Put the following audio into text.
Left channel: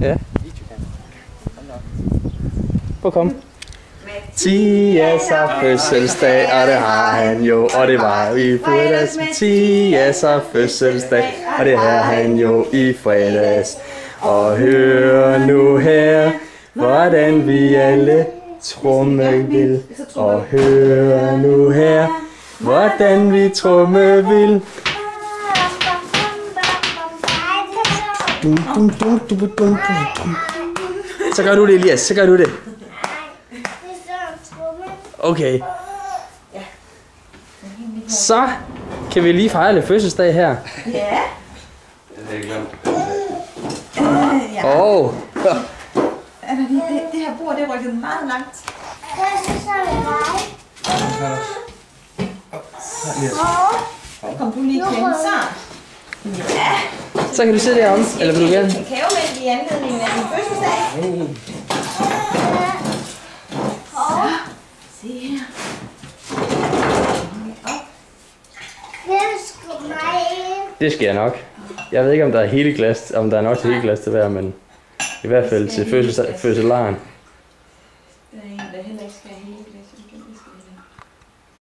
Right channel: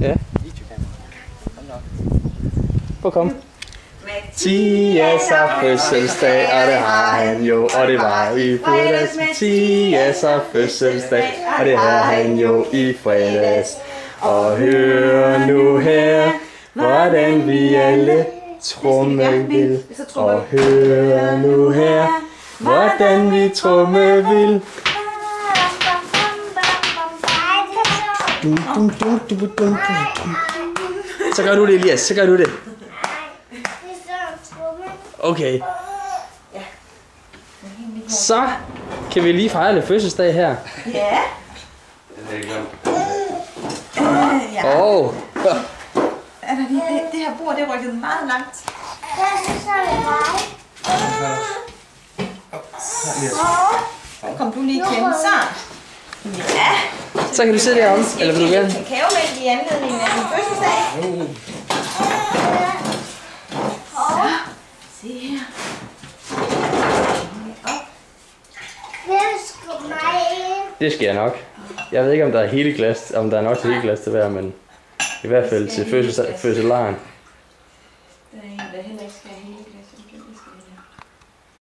Ja. Prøv at komme. Mathias har fødselsdag, og det har han jo, og det var i fredags. Mathias har fødselsdag, og det har han jo i fredags. Og hør nu her, hvordan vi alle tromme vil. Og hør nu her, hvordan vi tromme vil. Så gør du det, Elias. Så gør du det. Okay. Så kan vi lige fejre lidt fødselsdag her. Ja. Åh. Det her bord, det er rykket meget langt. Kom du lige klemme, så. Ja. Så kan du sidde derom, eller vil du gerne? Kakaomælk i anledning af din fødselsdag. Se her. Det skal jeg nok. Jeg ved ikke, om der er hele glas, om der er nok til hele glas til hver, men i hvert fald til fødselaren. Der er en, der heller ikke skal have hele.